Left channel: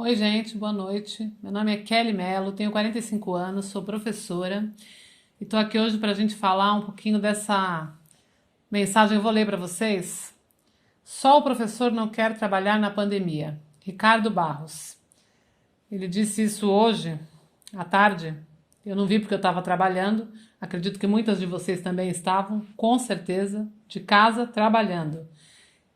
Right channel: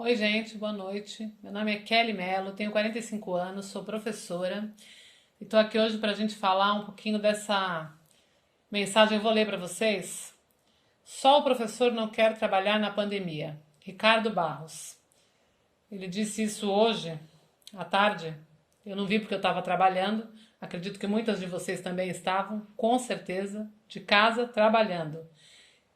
Oi, gente, boa noite. Meu nome é Kelly Mello, tenho 45 anos, sou professora e estou aqui hoje para a gente falar um pouquinho dessa mensagem. Eu vou ler para vocês. Só o professor não quer trabalhar na pandemia. Ricardo Barros. Ele disse isso hoje, à tarde. Eu não vi porque eu estava trabalhando. Acredito que muitas de vocês também estavam, com certeza, de casa trabalhando.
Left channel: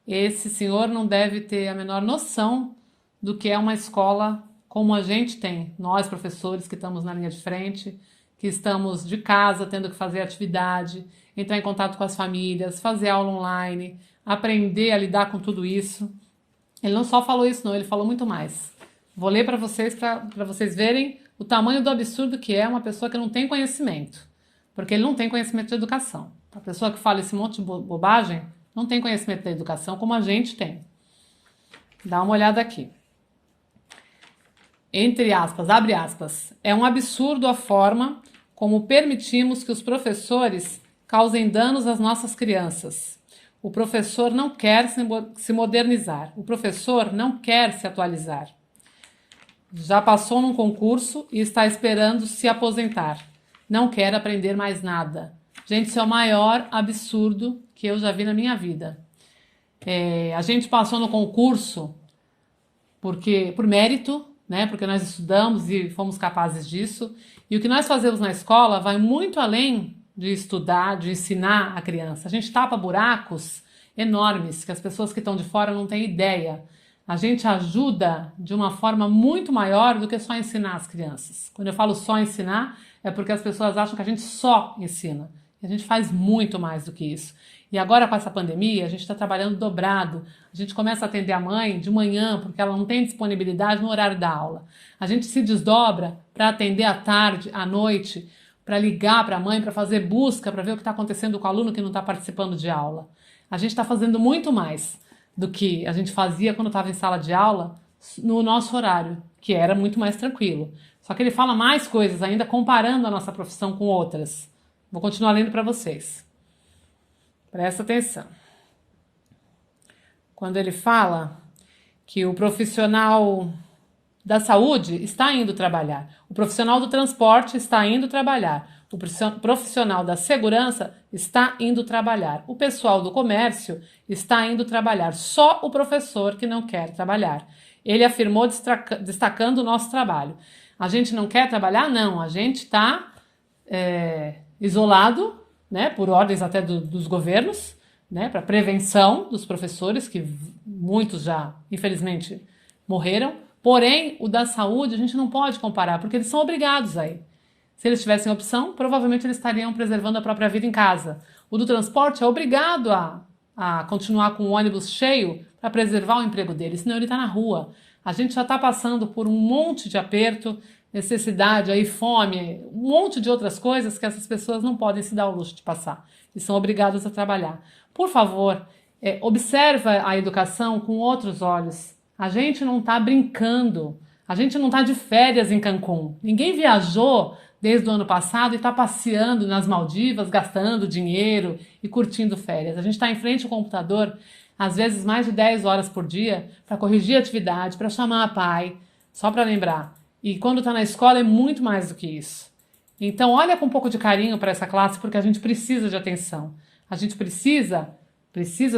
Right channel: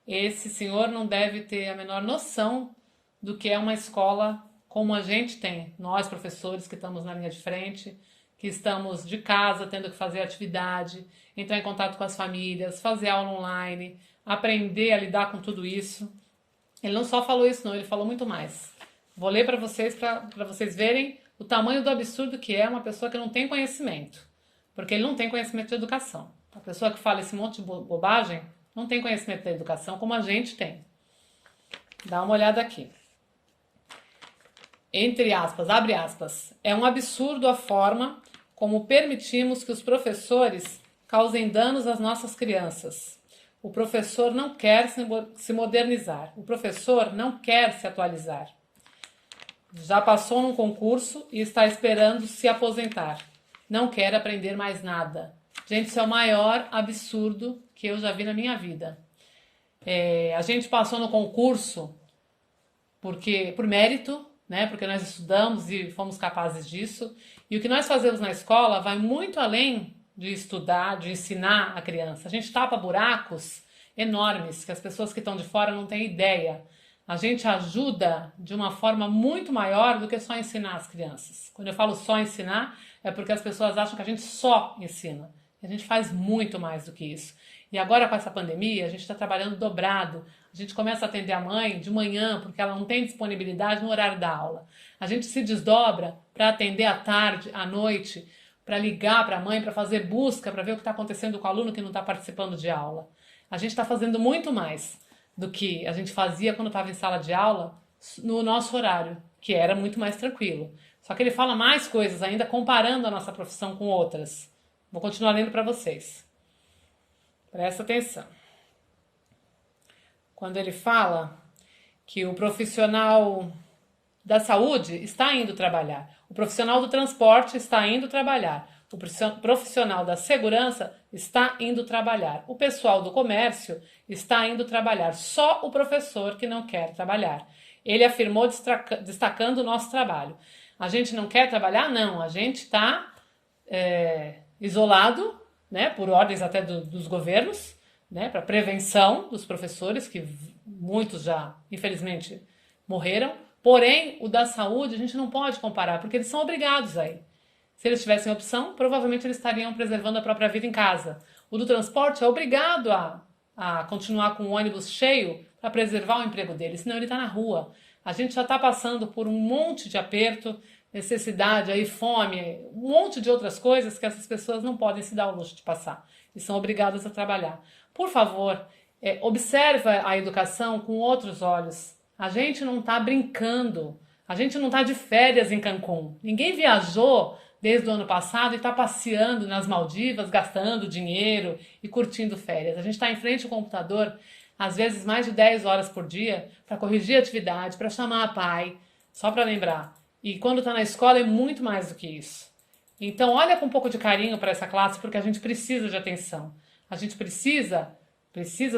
Esse senhor não deve ter a menor noção do que é uma escola como a gente tem. Nós, professores, que estamos na linha de frente, que estamos de casa tendo que fazer atividade, entrar em contato com as famílias, fazer aula online, aprender a lidar com tudo isso. Ele não só falou isso, não, ele falou muito mais. Vou ler para vocês verem o tamanho do absurdo que é uma pessoa que não tem conhecimento. Porque ele não tem conhecimento de educação. A pessoa que fala esse monte de bobagem não tem conhecimento da educação como a gente tem. Dá uma olhada aqui. Entre aspas, abre aspas, é um absurdo a forma como permitimos que os professores causem danos às nossas crianças. O professor não quer se modernizar, o professor não quer se atualizar. Já passou num concurso e está esperando se aposentar. Não quer aprender mais nada. Gente, isso é o maior absurdo que eu já vi na minha vida. A gente passou no concurso por mérito, né? Porque nós estudamos e fomos capazes disso. E o que nós fazemos na escola vai muito além de estudar, de ensinar a criança. A gente tapa buracos enormes que as pessoas que estão de fora não têm ideia. A gente ajuda de uma forma muito maior do que só ensinar as crianças. Quando eu falo só ensinar, é porque as pessoas acham que a gente só ensina. A gente faz muito mais do que isso. E agora com essa pandemia, a gente está trabalhando dobrado. A gente começa a atender a mãe de manhã, porque ela não tem disponibilidade no horário da aula. A gente se desdobra para atender à tarde, à noite, para ligar para a mãe, para fazer busca, para ver o que está acontecendo com o aluno que não está participando de aula. A gente está fazendo muito mais do que a gente fazia quando estava em sala de aula no nosso horário, que era muito mais tranquilo. Só que ele fala mais coisas ainda comparando a nossa profissão com outras. Vou continuar lendo para vocês. Presta atenção. Quando ele fala que o profissional da saúde está indo trabalhar, o profissional do transporte está indo trabalhar, o profissional da segurança está indo trabalhar, o pessoal do comércio está indo trabalhar, só o professor que não quer trabalhar. Ele afirmou destacando o nosso trabalho. A gente não quer trabalhar? Não, a gente está isolado, né, por ordens até dos governos, né, para prevenção dos professores, que muitos já, infelizmente, morreram. Porém, o da saúde a gente não pode comparar, porque eles são obrigados a ir. Se eles tivessem opção, provavelmente eles estariam preservando a própria vida em casa. O do transporte é obrigado a continuar com o ônibus cheio para preservar o emprego dele, senão ele está na rua. A gente já está passando por um monte de aperto, necessidade, aí, fome, um monte de outras coisas que essas pessoas não podem se dar ao luxo de passar e são obrigadas a trabalhar. Por favor, observa a educação com outros olhos. A gente não está brincando, a gente não está de férias em Cancún. Ninguém viajou desde o ano passado e está passeando nas Maldivas, gastando dinheiro e curtindo férias. A gente está em frente ao computador, às vezes mais de 10 horas por dia, para corrigir a atividade, para chamar a pai, só para lembrar. E quando está na escola é muito mais do que isso. Então olha com um pouco de carinho para essa classe, porque a gente precisa de atenção. A gente precisa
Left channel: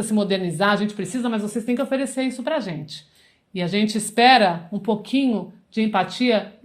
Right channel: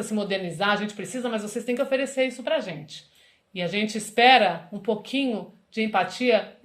se modernizar, a gente precisa, mas vocês têm que oferecer isso para a gente. E a gente espera um pouquinho de empatia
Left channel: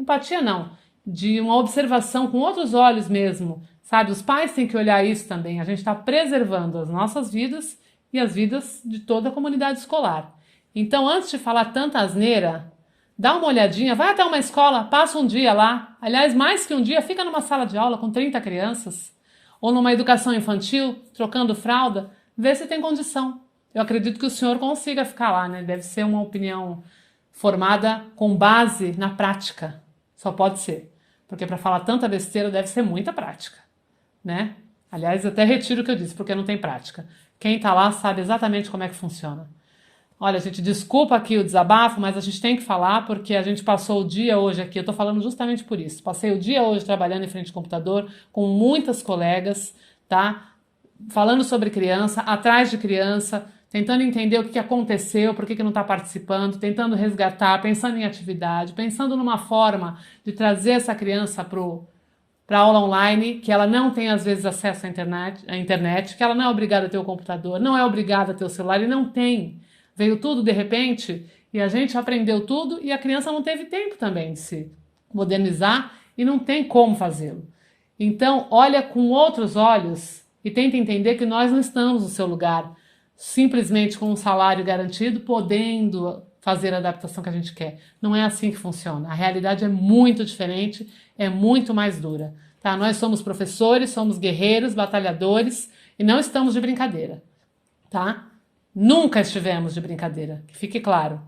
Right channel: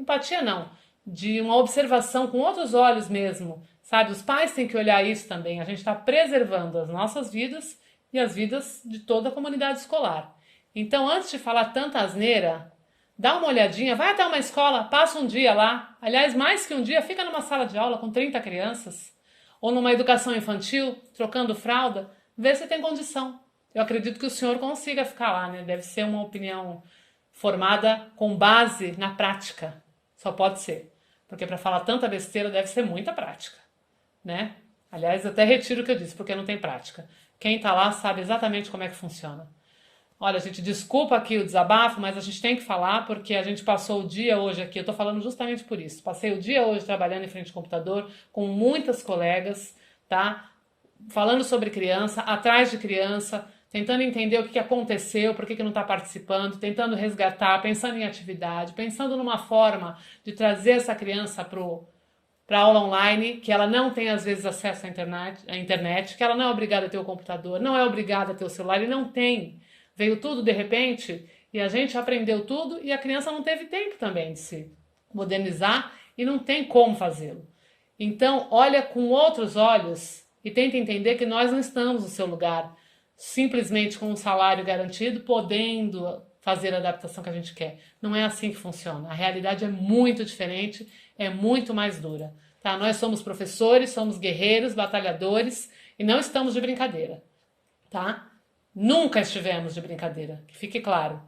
não, de uma observação com outros olhos mesmo, sabe? Os pais têm que olhar isso também. A gente está preservando as nossas vidas e as vidas de toda a comunidade escolar. Então, antes de falar tanta asneira, dá uma olhadinha, vai até uma escola, passa um dia lá. Aliás, mais que um dia, fica numa sala de aula com 30 crianças, ou numa educação infantil, trocando fralda, vê se tem condição. Eu acredito que o senhor consiga ficar lá, né? Deve ser uma opinião formada com base na prática. Só pode ser. Porque para falar tanta besteira deve ser muita prática, né? Aliás, eu até retiro o que eu disse, porque não tem prática. Quem está lá sabe exatamente como é que funciona. Olha, gente, desculpa aqui o desabafo, mas a gente tem que falar porque a gente passou o dia hoje aqui, eu tô falando justamente por isso. Passei o dia hoje trabalhando em frente ao computador com muitas colegas, tá? Falando sobre criança, atrás de criança, tentando entender o que aconteceu, por que não está participando, tentando resgatar, pensando em atividade, pensando numa forma de trazer essa criança para a aula online, que ela não tem às vezes acesso à internet, que ela não é obrigada a ter o computador, não é obrigada a ter o celular, e não tem. Veio tudo de repente e a gente aprendeu tudo e a criança não teve tempo também de se modernizar e não tem como fazê-lo. Então, olha com outros olhos e tenta entender que nós não estamos no seu lugar, simplesmente com um salário garantido, podendo fazer a adaptação que a gente quer. Não é assim que funciona. A realidade é muito diferente, é muito mais dura. Tá? Nós somos professores, somos guerreiros, batalhadores e não estamos de brincadeira. Tá? Nunca estivemos de brincadeira, que fique claro.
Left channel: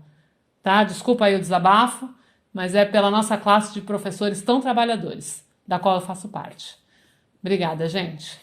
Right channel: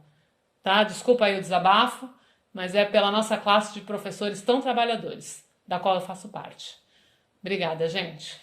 Tá? Desculpa aí o desabafo, mas é pela nossa classe de professores tão trabalhadores, da qual eu faço parte. Obrigada, gente.